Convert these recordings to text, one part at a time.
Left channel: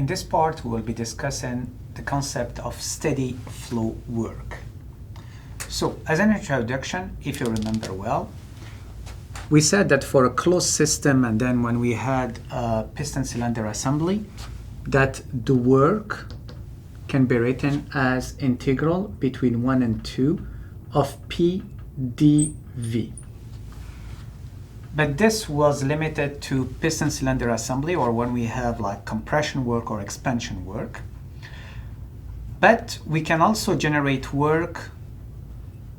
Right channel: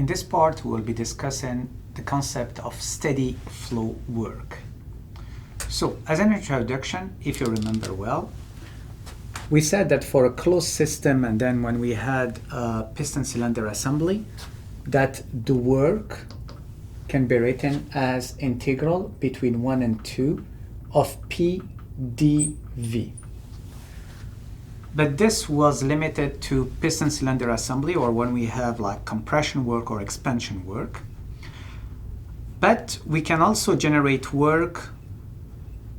In this part, we will be discussing the concept of steady flow work. So, as an introduction, if you remember well, we said that for a closed system, and then when we had a piston cylinder assembly, that the work can be written as integral between 1 and 2 of P dV. But this was limited to piston cylinder assembly, or when we have like compression work or expansion work. But we can also generate work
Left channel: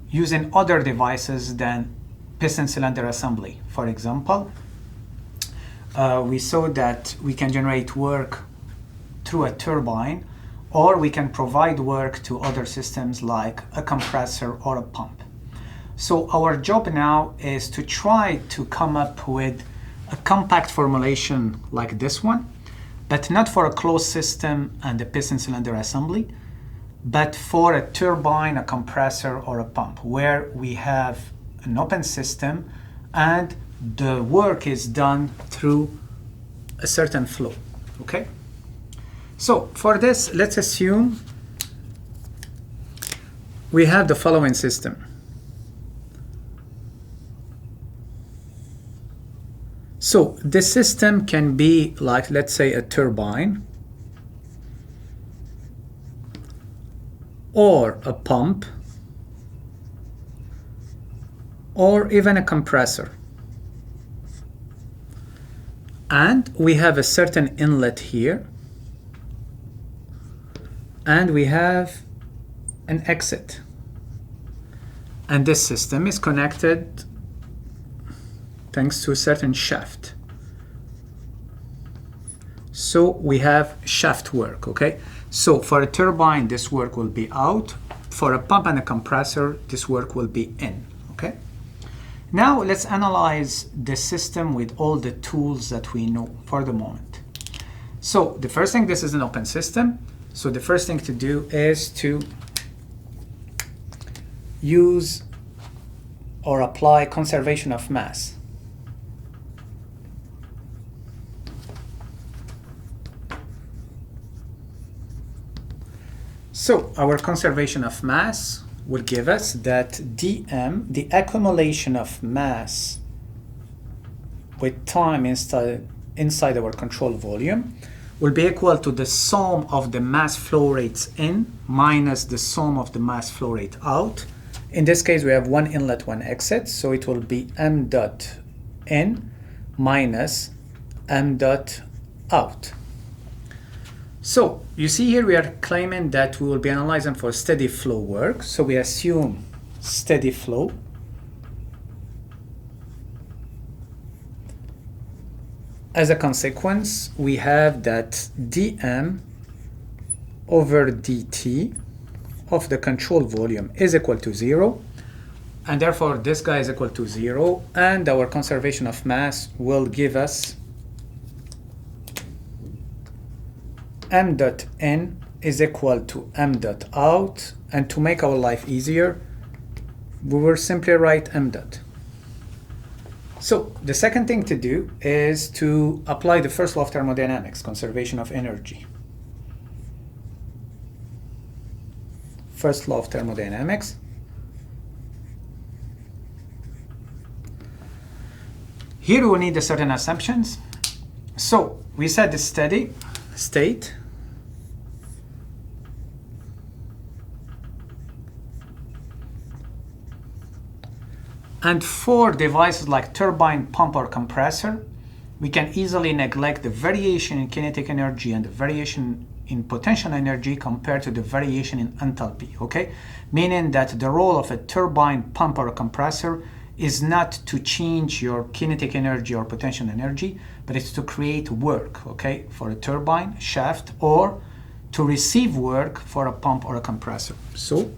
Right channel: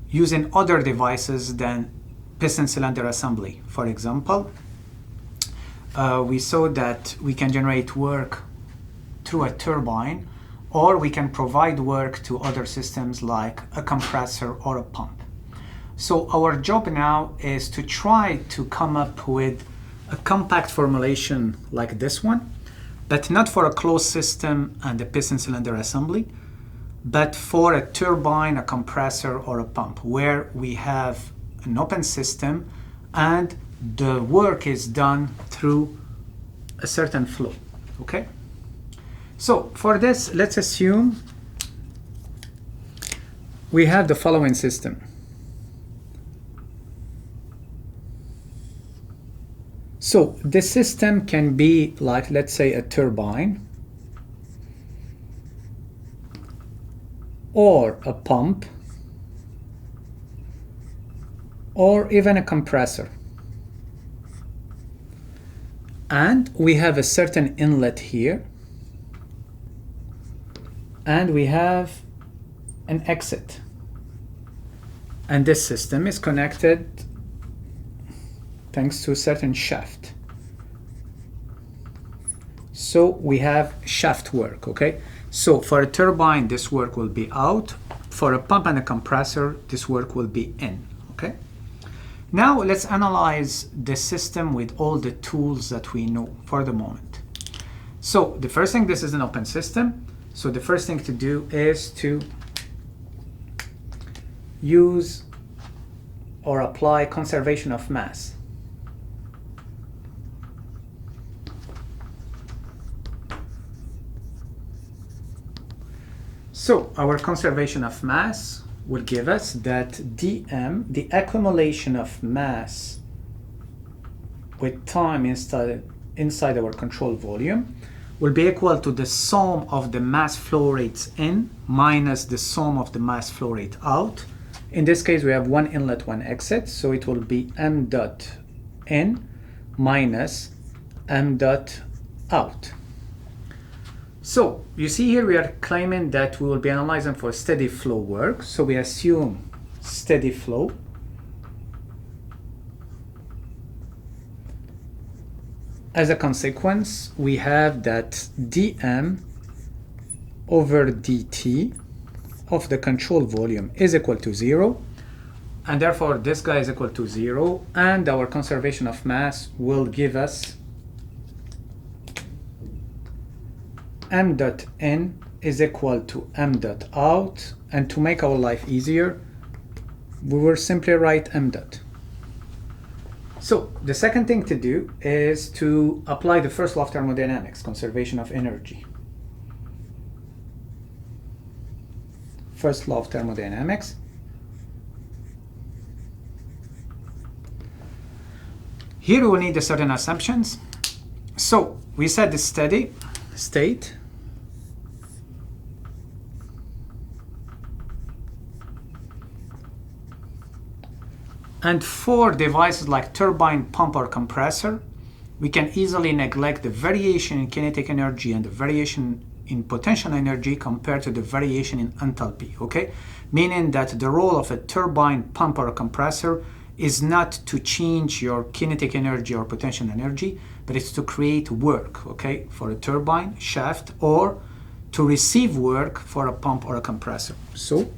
using other devices than piston cylinder assembly. For example, we saw that we can generate work through a turbine, or we can provide work to other systems like a compressor or a pump. So our job now is to try to come up with a compact formulation like this one, but not for a closed system and a piston cylinder assembly, but for a turbine, a compressor, or a pump, where we have an open system and the work is done through a certain flow, okay? So for this, let's assume we have the following system. So this system can be like, let's say, a turbine or a pump or even a compressor. And we have a certain inlet here, and we have an exit. And this system is connected thanks to a certain shaft. So we have shaft work, okay? So for a turbine, this work will be out. For a pump and a compressor, this work will be in, okay? Now let's analyze the system with all the tools that we know for the moment. So the first thing, this is an open system. So the first thing to do is to use or apply conservation of mass. So our conservation of mass will give us that dm, the accumulation of mass with time inside our control volume, will be equal to the sum of the mass flow rates in minus the sum of the mass flow rate out. In this case, we have one inlet, one exit, so it will be m dot in minus m dot out. So you see here we are claiming that we will be analyzing for steady flow work. So we assume steady flow. As a consequence, we have that dm over dt of the control volume is equal to 0. And therefore, this guy is equal to 0. And our conservation of mass will give us m dot in is equal to m dot out. And to make our life easier, we will simply write m dot. So the second thing to do is to apply the first law of thermodynamics, conservation of energy. First law of thermodynamics. Here we will need a certain assumptions. So we said the steady state and for devices like turbine, pump, or compressor, we can easily neglect the variation in kinetic energy and the variation in potential energy compared to the variation in enthalpy, okay? Meaning that the role of a turbine, pump, or a compressor is not to change your kinetic energy or potential energy, but it's to create work, okay, for a turbine, shaft, or to receive work for a pump or a compressor. So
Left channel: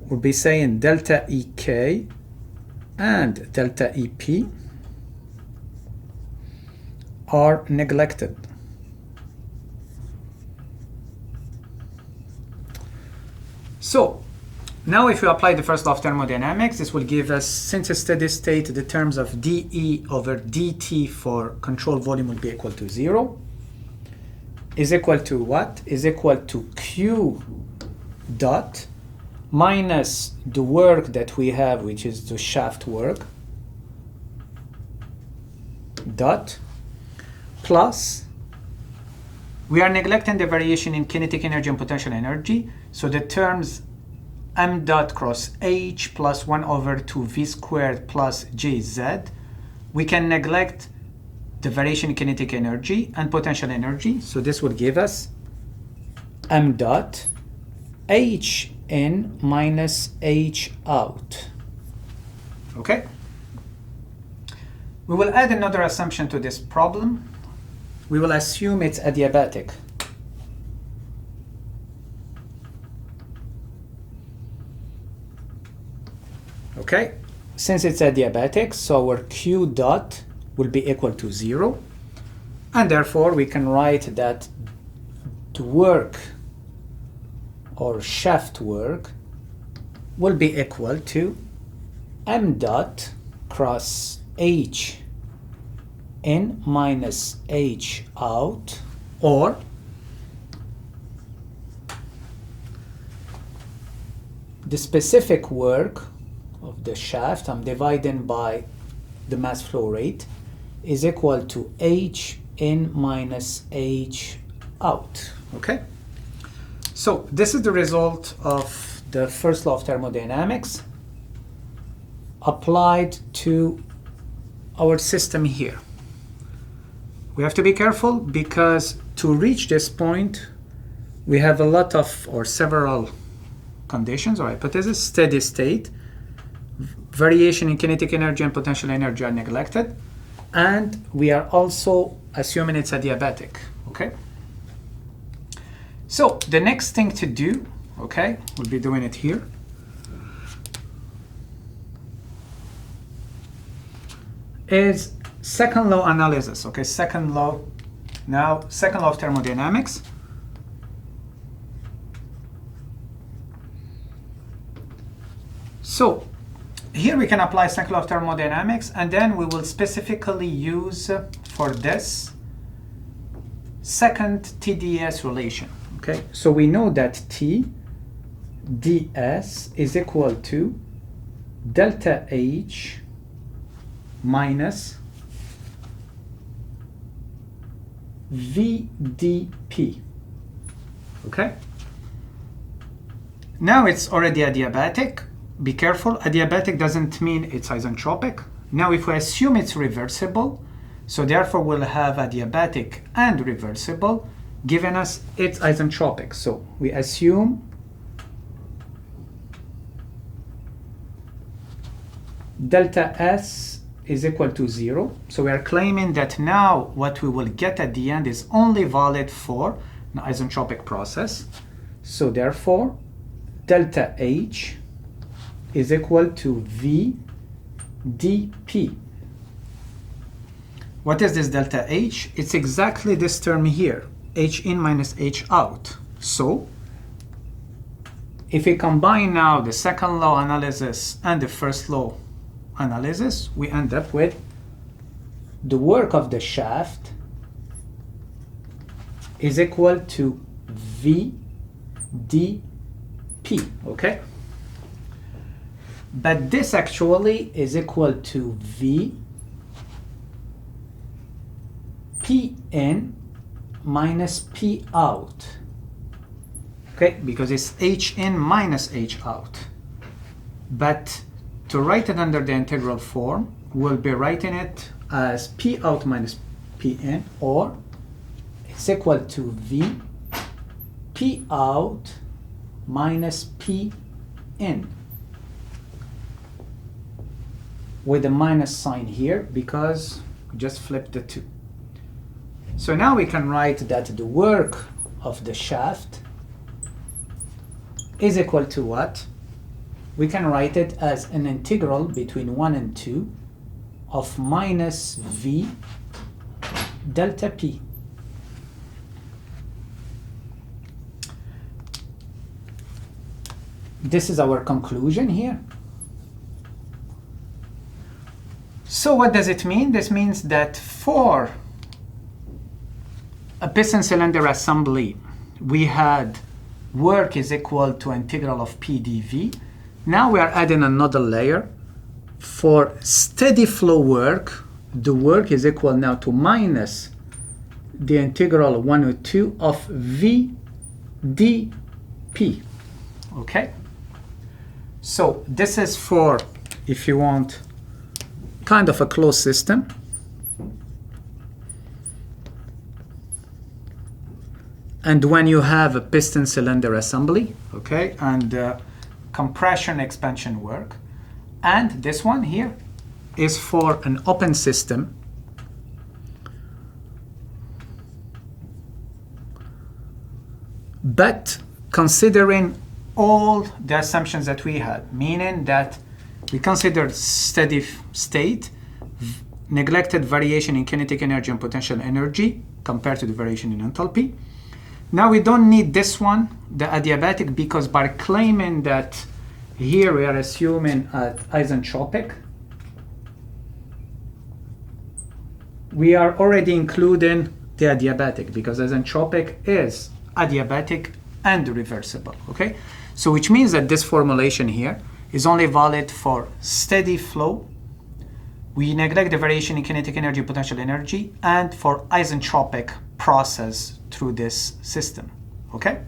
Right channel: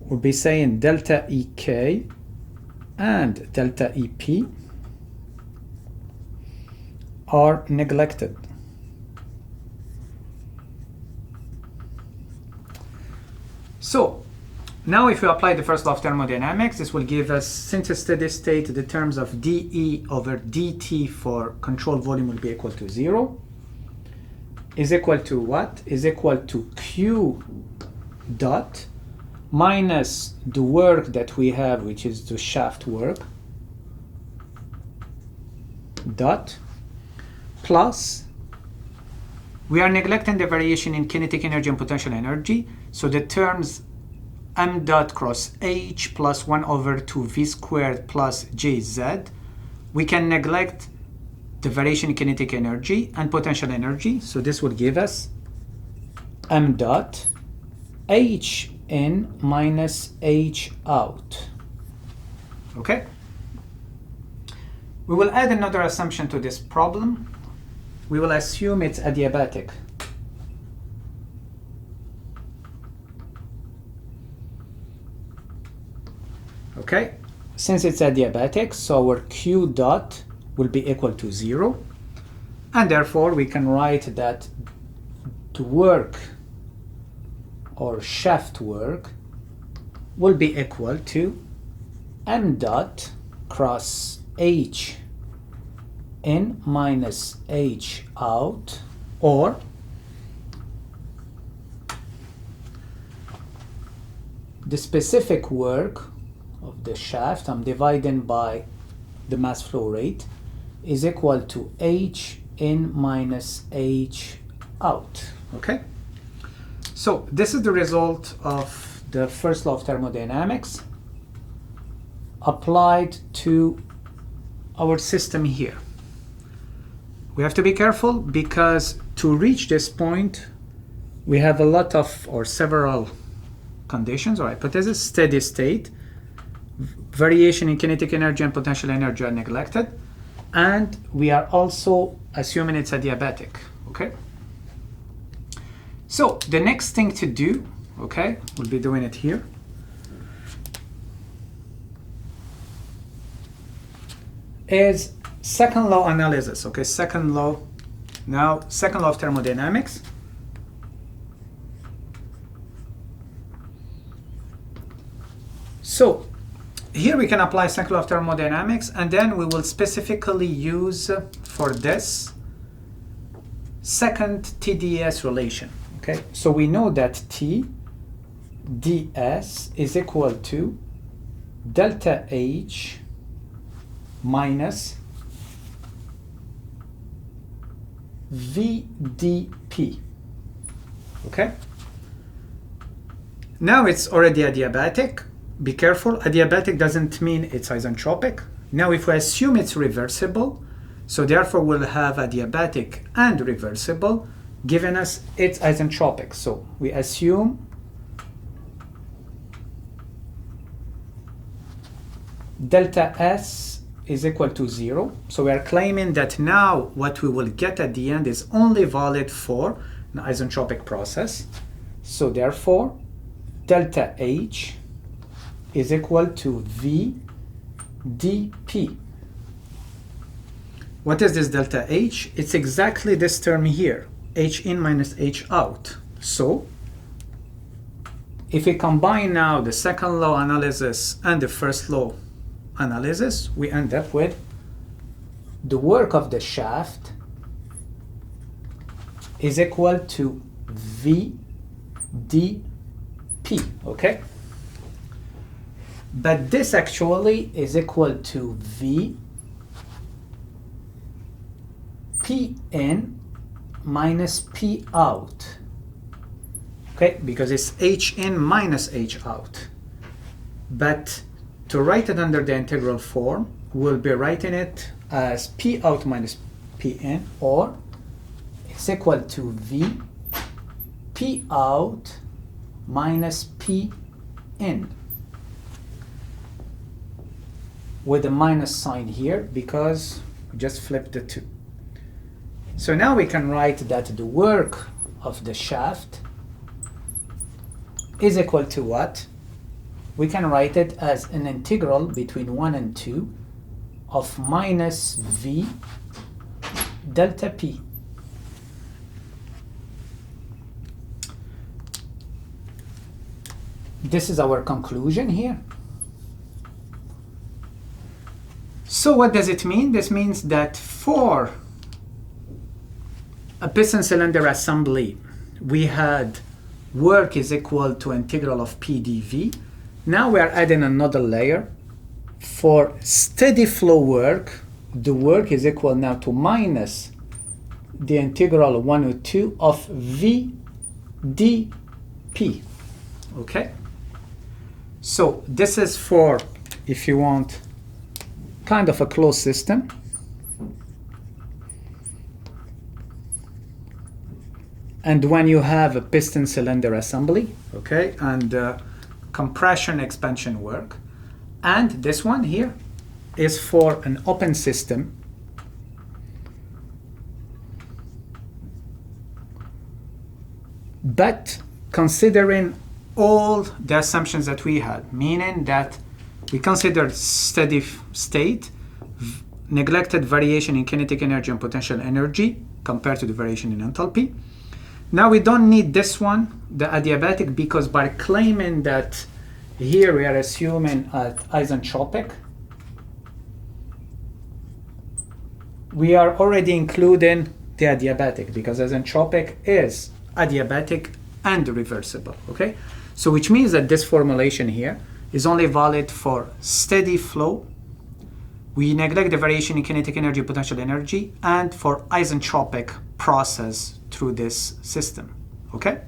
we'll be saying delta EK and delta EP are neglected. So now if we apply the first law of thermodynamics, this will give us, since a steady state, the terms of dE over dt for control volume will be equal to 0. is equal to what? Is equal to Q dot minus the work that we have, which is the shaft work, dot, plus, we are neglecting the variation in kinetic energy and potential energy, so the terms m dot cross h plus 1 over 2 v squared plus jz, we can neglect the variation in kinetic energy and potential energy, so this will give us m dot h in minus h out. Okay? We will add another assumption to this problem. We will assume it's adiabatic. Okay? Since it's adiabatic, so our Q dot will be equal to 0. And therefore, we can write that the work or shaft work will be equal to m dot cross h in minus h out, or the specific work of the shaft, I'm dividing by the mass flow rate, is equal to h in minus h out. Okay? So this is the result of the first law of thermodynamics applied to our system here. We have to be careful because to reach this point, we have a lot of or several conditions or hypotheses. Steady state, variation in kinetic energy and potential energy are neglected, and we are also assuming it's adiabatic. Okay? So the next thing to do, okay, we'll be doing it here, is second law analysis. Okay, second law. Now, second law of thermodynamics. So here we can apply second law of thermodynamics, and then we will specifically use for this second TdS relation. Okay, so we know that T ds is equal to delta H minus VdP. Okay? Now it's already adiabatic. Be careful, adiabatic doesn't mean it's isentropic. Now if we assume it's reversible, so therefore we'll have adiabatic and reversible, giving us it's isentropic. So we assume delta S is equal to 0. So we are claiming that now what we will get at the end is only valid for an isentropic process. So therefore, delta H is equal to V dP. What is this delta H? It's exactly this term here, H in minus H out. So if we combine now the second law analysis and the first law analysis, we end up with the work of the shaft is equal to V dP, okay? But this actually is equal to V P in minus P out, okay? Because it's H in minus H out. But to write it under the integral form, we'll be writing it as P out minus P in, or it's equal to V P out minus P in, with a minus sign here because we just flipped the two. So now we can write that the work of the shaft is equal to what? We can write it as an integral between 1 and 2 of minus V delta P. This is our conclusion here. So what does it mean? This means that for a piston cylinder assembly, we had work is equal to integral of P dV. Now we are adding another layer. For steady flow work, the work is equal now to minus the integral 102 of V dP. Okay? So this is for, if you want, kind of a closed system. And when you have a piston cylinder assembly, okay, and compression expansion work, and this one here is for an open system. But considering all the assumptions that we had, meaning that we considered steady state, neglected variation in kinetic energy and potential energy compared to the variation in enthalpy. Now we don't need this one, the adiabatic, because by claiming that here we are assuming at isentropic, we are already including the adiabatic, because isentropic is adiabatic and reversible, okay? So which means that this formulation here is only valid for steady flow. We neglect the variation in kinetic energy, potential energy, and for isentropic process through this system, okay?